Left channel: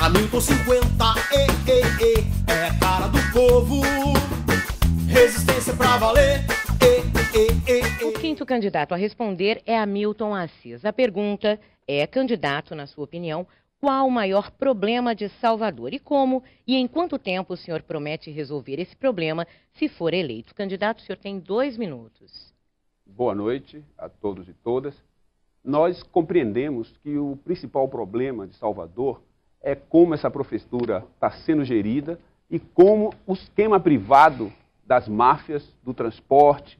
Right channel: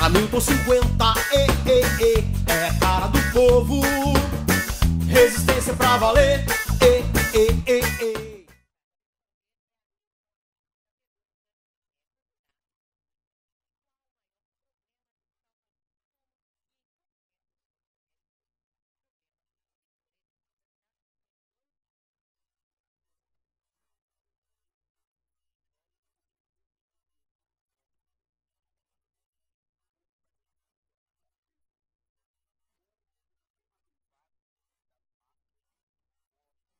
Hamilton 50, é a cara do povo. Resistência pra valer, O quinto candidato a responder é Hamilton Assis. A pergunta é, candidato, na sua opinião, qual o maior problema de Salvador e como e em quanto tempo o senhor promete resolver esse problema se for eleito? Candidato, o senhor tem 2 minutos. Boa noite a todos e todas. Nós compreendemos que o principal problema de Salvador é como essa prefeitura está sendo gerida e como o esquema privado das máfias, do transporte,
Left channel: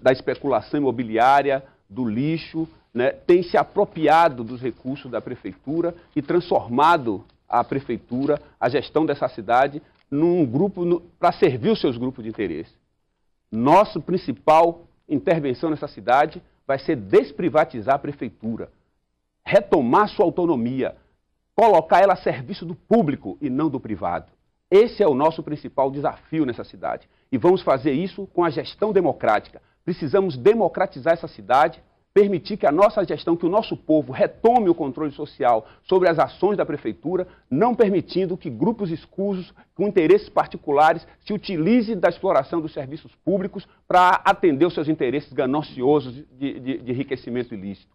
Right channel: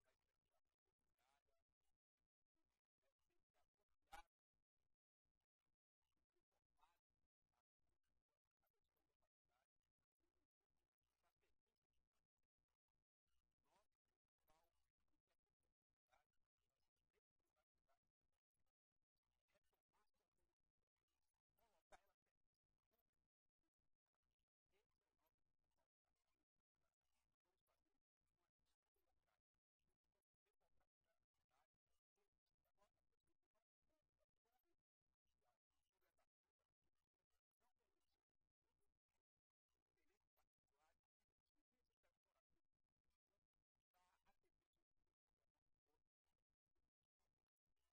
da especulação imobiliária, do lixo, né, tem se apropriado dos recursos da prefeitura e transformado a prefeitura, a gestão dessa cidade, num grupo para servir os seus grupos de interesse. Nossa principal intervenção nessa cidade vai ser desprivatizar a prefeitura, retomar sua autonomia, colocar ela a serviço do público e não do privado. Esse é o nosso principal desafio nessa cidade. E vamos fazer isso com a gestão democrática. Precisamos democratizar essa cidade, permitir que a nossa gestão, que o nosso povo retome o controle social sobre as ações da prefeitura, não permitindo que grupos escusos, com interesses particulares, se utilizem da exploração dos serviços públicos para atender os seus interesses gananciosos de enriquecimento ilícito.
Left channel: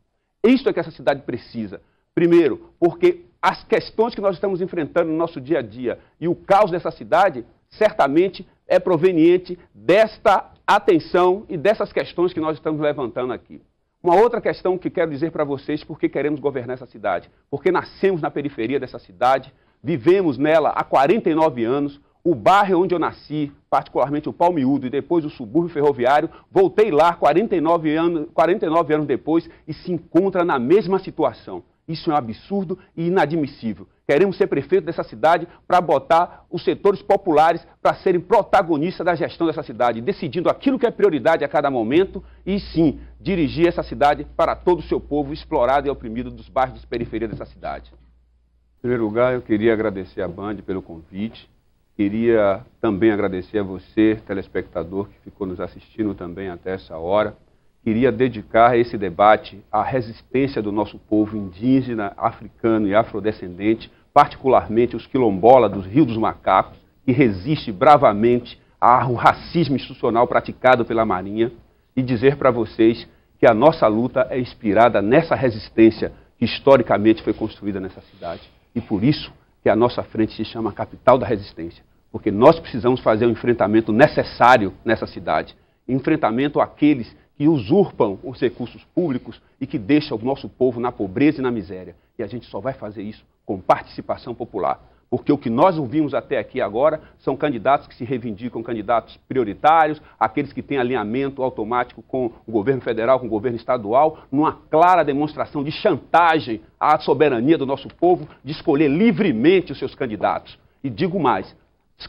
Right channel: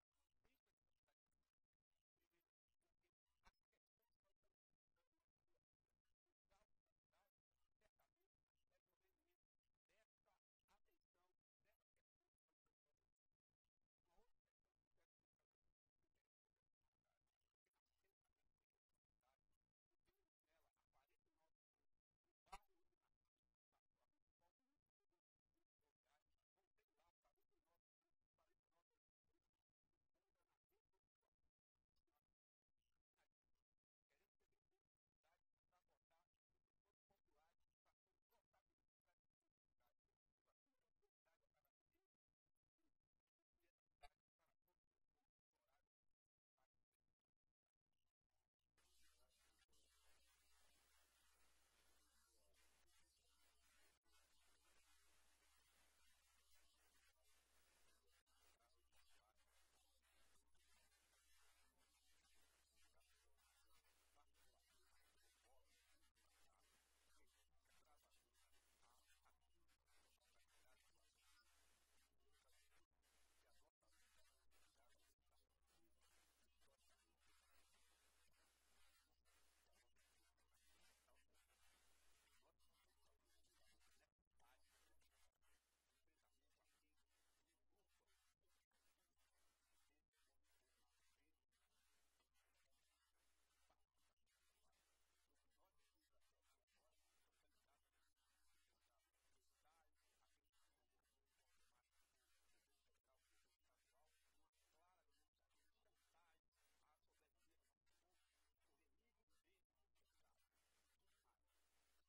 Isso é que essa cidade precisa. Primeiro, porque as questões que nós estamos enfrentando no nosso dia a dia e o caos dessa cidade, certamente é proveniente desta atenção e dessas questões que nós estamos levantando aqui. Uma outra questão que quero dizer para vocês, por que queremos governar essa cidade. Porque nascemos na periferia dessa cidade, vivemos nela há 49 anos, o bairro onde eu nasci, particularmente o Palmiúdo e depois o subúrbio ferroviário, voltei lá 49 anos depois e se encontra na mesma situação. Isso é um absurdo e inadmissível. Queremos ser prefeito dessa cidade para botar os setores populares para serem protagonistas da gestão dessa cidade, decidindo aquilo que é prioridade a cada momento e, sim, dirigir essa cidade para todo o seu povo explorado e oprimido dos bairros de periferia dessa cidade. Em primeiro lugar, eu queria agradecer à Band pelo convite. Queria também agradecer a você, telespectador, que ficou nos assistindo também até essa hora. Queria dedicar esse debate à resistência do nosso povo indígena, africano e afrodescendente, particularmente os quilombolas dos Rios dos Macacos, que resiste bravamente ao racismo institucional praticado pela Marinha, e dizer para vocês que a nossa luta é inspirada nessa resistência que historicamente foi construída nessa cidade. E por isso que a nossa frente se chama Capital da Resistência, porque nós precisamos fazer o enfrentamento necessário nessa cidade, enfrentamento àqueles que usurpam os recursos públicos e que deixam o nosso povo na pobreza e na miséria. E a gente só vai fazer isso com participação popular. Porque o que nós ouvimos até aqui agora são candidatos que se reivindicam candidatos prioritários, aqueles que têm alinhamento automático com o governo federal, com o governo estadual, numa clara demonstração de chantagem à soberania do nosso povo, de escolher livremente os seus candidatos. E digo mais,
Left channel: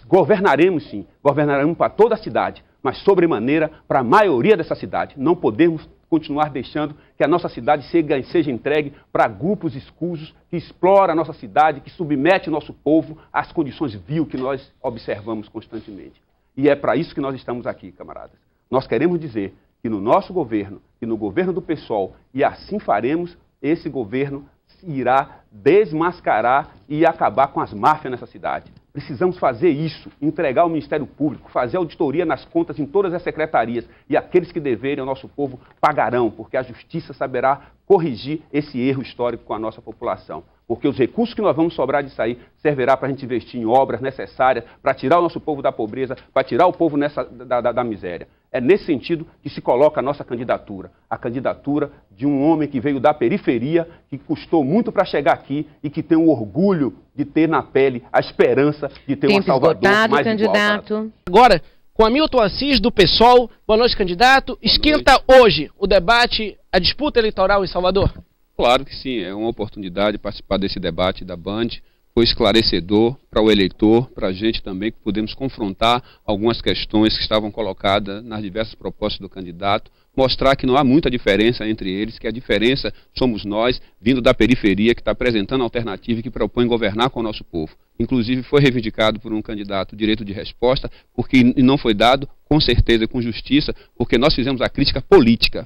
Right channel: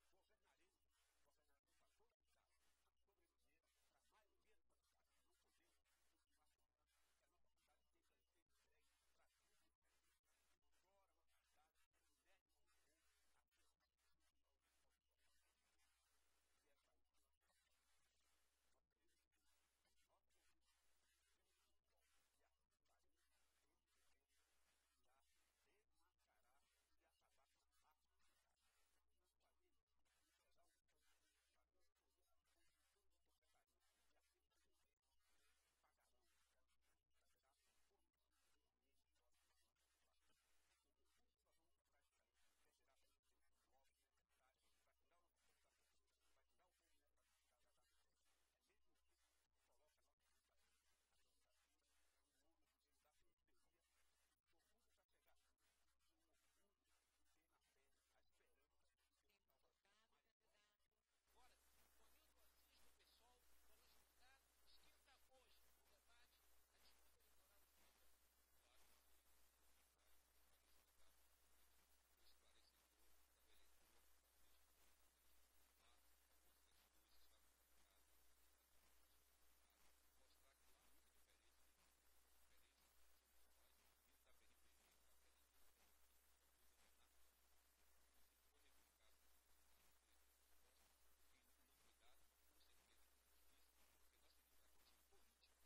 governaremos sim, governaremos para toda a cidade, mas sobremaneira para a maioria dessa cidade. Não podemos continuar deixando que a nossa cidade seja entregue para grupos escusos que exploram a nossa cidade, que submete o nosso povo às condições vil que nós observamos constantemente. E é para isso que nós estamos aqui, camaradas. Nós queremos dizer que no nosso governo e no governo do PSOL, e assim faremos, esse governo irá desmascarar e acabar com as máfias nessa cidade. Precisamos fazer isso, entregar ao Ministério Público, fazer auditoria nas contas em todas as secretarias e aqueles que deverem ao nosso povo pagarão, porque a justiça saberá corrigir esse erro histórico com a nossa população. Porque os recursos que nós vamos sobrar disso aí servirá para a gente investir em obras necessárias, para tirar o nosso povo da pobreza, para tirar o povo da miséria. É nesse sentido que se coloca a nossa candidatura. A candidatura de um homem que veio da periferia, que custou muito para chegar aqui e que tem o orgulho de ter na pele a esperança de ter uma Salvador mais candidato. igual. Agora, com Hamilton Assis, do PSOL. Boa noite, candidato. Esquenta hoje o debate, a disputa eleitoral em Salvador? Claro que sim, é uma oportunidade participar desse debate da Band. Foi esclarecedor para o eleitor, para a gente também, que pudemos confrontar algumas questões que estavam colocadas nas diversas propostas do candidato, mostrar que não há muita diferença entre eles, que a diferença somos nós, vindo da periferia, que está apresentando alternativa e que propõe governar com o nosso povo. Inclusive foi reivindicado por um candidato o direito de resposta, porque não foi dado, com certeza, com justiça, porque nós fizemos a crítica política,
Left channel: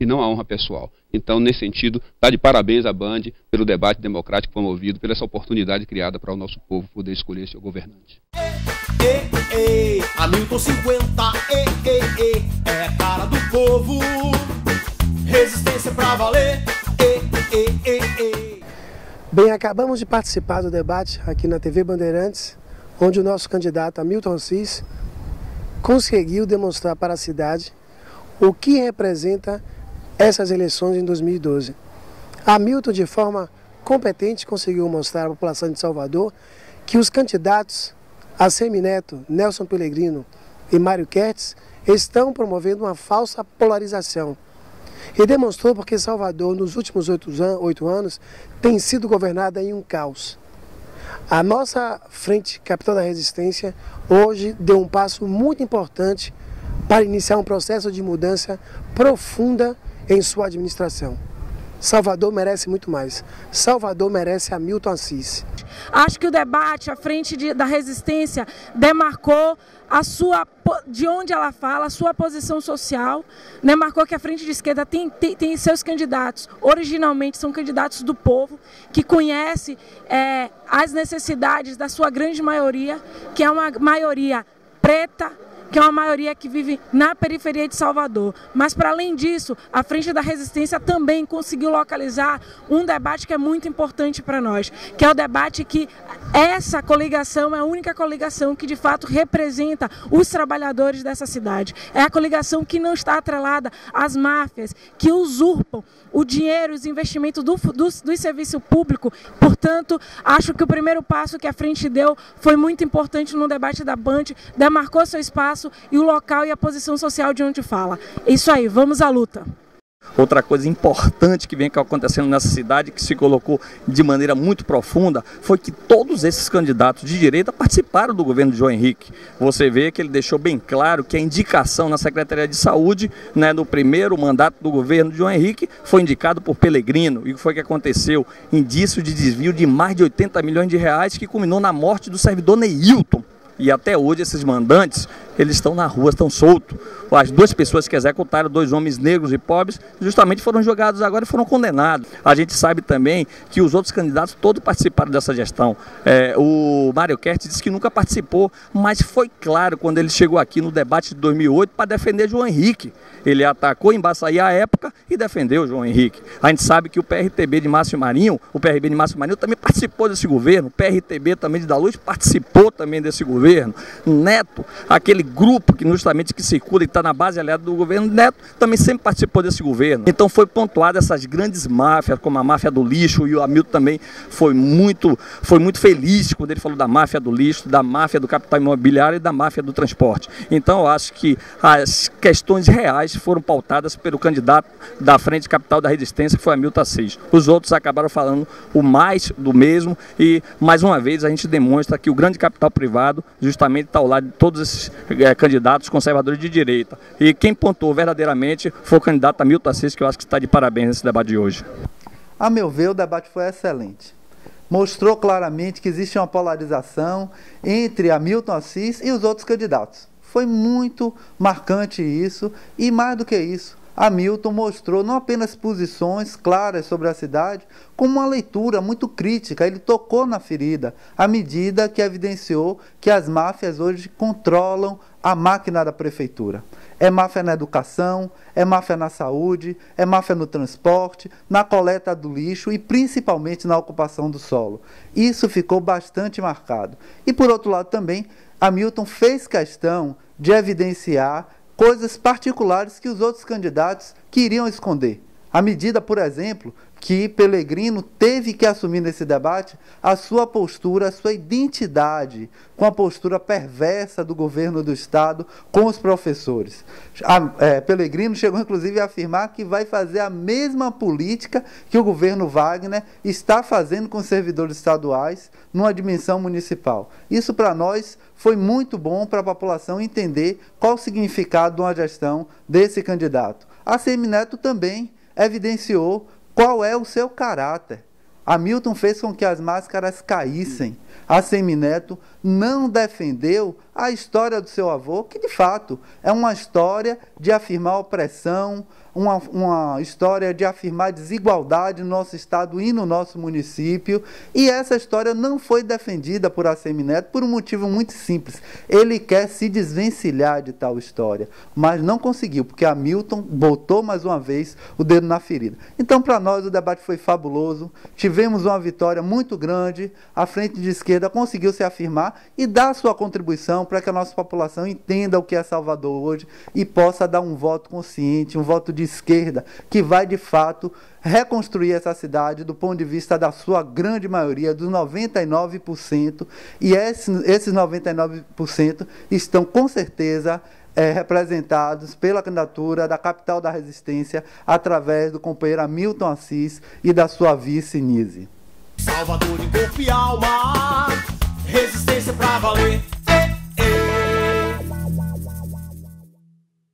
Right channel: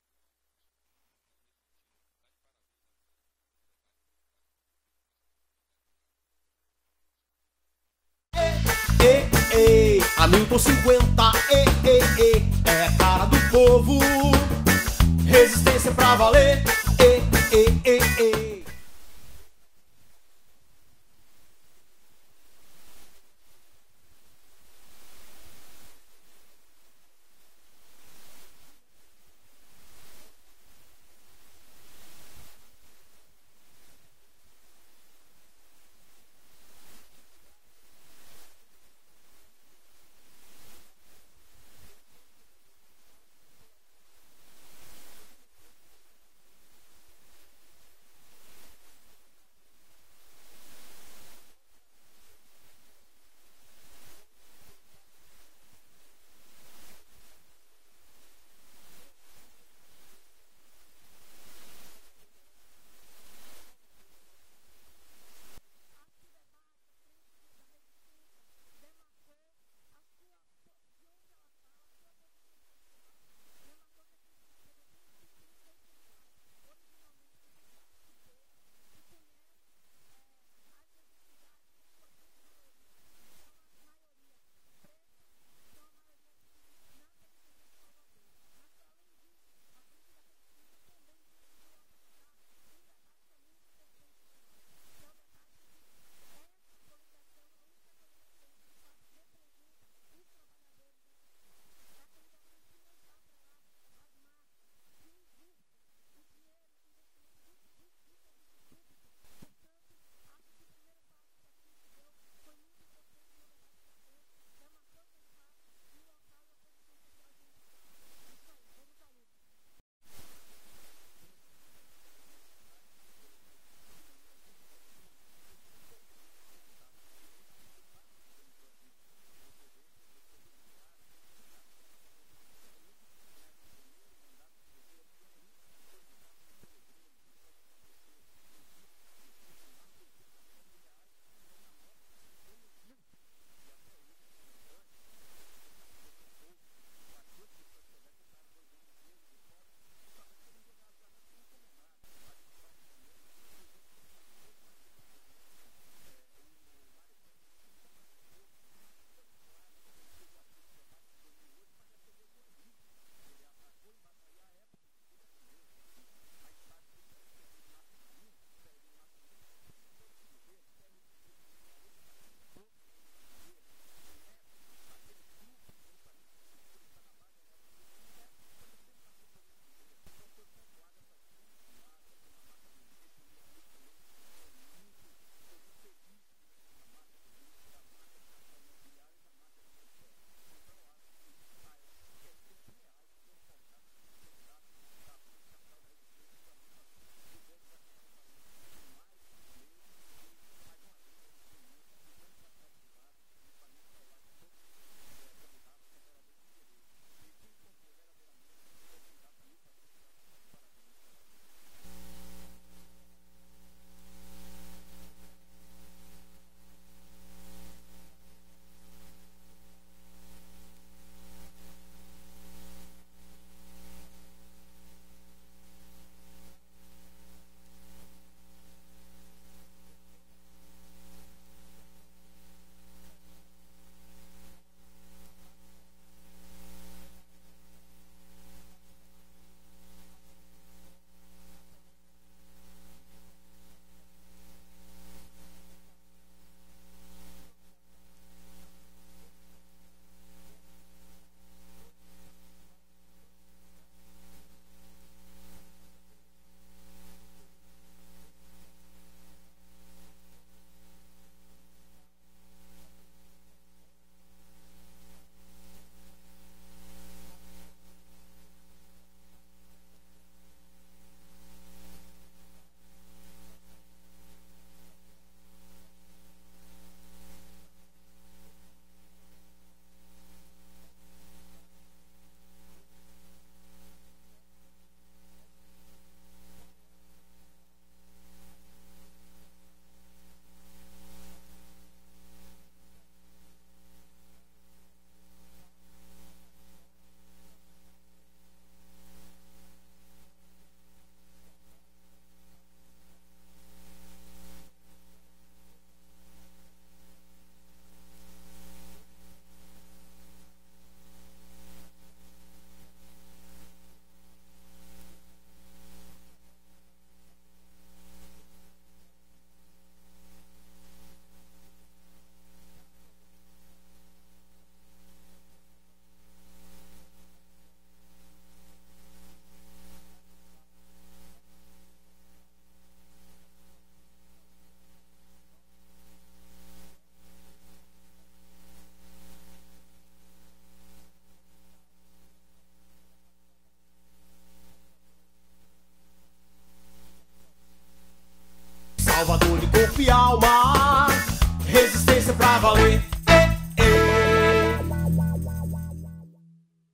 e não a honra pessoal. Então, nesse sentido, está de parabéns à Band pelo debate democrático promovido, pela essa oportunidade criada para o nosso povo poder escolher seu governante. Hamilton 50, é a cara do povo, resistência pra valer, Bem, acabamos de participar do debate aqui na TV Bandeirantes, onde o nosso candidato Hamilton Assis conseguiu demonstrar para a cidade o que representa essas eleições em 2012. Hamilton, de forma competente, conseguiu mostrar à população de Salvador que os candidatos Assemineto, Nelson Pellegrino e Mário Kertz estão promovendo uma falsa polarização. E demonstrou porque Salvador, nos últimos 8 anos, tem sido governada em um caos. A nossa Frente Capital da Resistência hoje deu um passo muito importante para iniciar um processo de mudança profunda em sua administração. Salvador merece muito mais. Salvador merece Hamilton Assis. Acho que o debate, a Frente da Resistência, demarcou de onde ela fala, a sua posição social, demarcou que a Frente de Esquerda tem seus candidatos, originalmente são candidatos do povo, que conhece as necessidades da sua grande maioria, que é uma maioria preta, que é uma maioria que vive na periferia de Salvador. Mas, para além disso, a Frente da Resistência também conseguiu localizar um debate que é muito importante para nós, que é o debate que essa coligação é a única coligação que, de fato, representa os trabalhadores dessa cidade. É a coligação que não está atrelada às máfias, que usurpam o dinheiro, os investimentos do serviço público. Portanto, acho que o primeiro passo que a Frente deu foi muito importante no debate da Band, demarcou seu espaço e o local e a posição social de onde fala. Isso aí, vamos à luta. Outra coisa importante que vem acontecendo nessa cidade, que se colocou de maneira muito profunda, foi que todos esses candidatos de direita participaram do governo de João Henrique. Você vê que ele deixou bem claro que a indicação na Secretaria de Saúde, no primeiro mandato do governo de João Henrique, foi indicado por Pellegrino. E o que foi que aconteceu? Indício de desvio de mais de 80 milhões de reais, que culminou na morte do servidor Neilton. E até hoje esses mandantes, eles estão na rua, estão soltos. As 2 pessoas que executaram, 2 homens negros e pobres, justamente foram julgados agora e foram condenados. A gente sabe também que os outros candidatos todos participaram dessa gestão. O Mário Kertz disse que nunca participou, mas foi claro quando ele chegou aqui no debate de 2008 para defender João Henrique. Ele atacou em Baçaí à época e defendeu João Henrique. A gente sabe que o PRTB de Márcio Marinho, também participou desse governo, o PRTB também de Da Luz participou também desse governo. Neto, aquele grupo que justamente que circula e está na base aliada do governo, Neto também sempre participou desse governo. Então foi pontuado essas grandes máfias, como a máfia do lixo, e o Hamilton também foi muito feliz quando ele falou da máfia do lixo, da máfia do capital imobiliário e da máfia do transporte. Então eu acho que as questões reais foram pautadas pelo candidato da Frente Capital da Resistência, que foi Hamilton Assis. Os outros acabaram falando o mais do mesmo e, mais uma vez, a gente demonstra que o grande capital privado justamente está ao lado de todos esses candidatos conservadores de direita. E quem pontuou verdadeiramente foi o candidato Hamilton Assis, que eu acho que está de parabéns nesse debate de hoje. A meu ver, o debate foi excelente. Mostrou claramente que existe uma polarização entre Hamilton Assis e os outros candidatos. Foi muito marcante isso e, mais do que isso, Hamilton mostrou não apenas posições claras sobre a cidade, como uma leitura muito crítica. Ele tocou na ferida, à medida que evidenciou que as máfias hoje controlam a máquina da prefeitura. É máfia na educação, é máfia na saúde, é máfia no transporte, na coleta do lixo e principalmente na ocupação do solo. Isso ficou bastante marcado. E, por outro lado, também, Hamilton fez questão de evidenciar coisas particulares que os outros candidatos queriam esconder. A medida, por exemplo, que Pelegrino teve que assumir nesse debate a sua postura, a sua identidade, com a postura perversa do governo do Estado com os professores. Pelegrino chegou, inclusive, a afirmar que vai fazer a mesma política que o governo Wagner está fazendo com os servidores estaduais numa dimensão municipal. Isso, para nós, foi muito bom para a população entender qual o significado de uma gestão desse candidato. A Semineto também evidenciou qual é o seu caráter. Hamilton fez com que as máscaras caíssem. A Semineto não defendeu a história do seu avô, que de fato é uma história de afirmar opressão, uma história de afirmar desigualdade no nosso estado e no nosso município, e essa história não foi defendida por Assemineto por um motivo muito simples. Ele quer se desvencilhar de tal história, mas não conseguiu, porque Hamilton botou mais uma vez o dedo na ferida. Então, para nós, o debate foi fabuloso, tivemos uma vitória muito grande, a frente de esquerda conseguiu se afirmar e dar sua contribuição para que a nossa população entenda o que é Salvador hoje e possa dar um voto consciente, um voto de esquerda, que vai, de fato, reconstruir essa cidade do ponto de vista da sua grande maioria, dos 99%, e esses 99% estão, com certeza, representados pela candidatura da capital da resistência, através do companheiro Hamilton Assis e da sua vice Nise. Salvador de corpo e alma, resistência pra valer.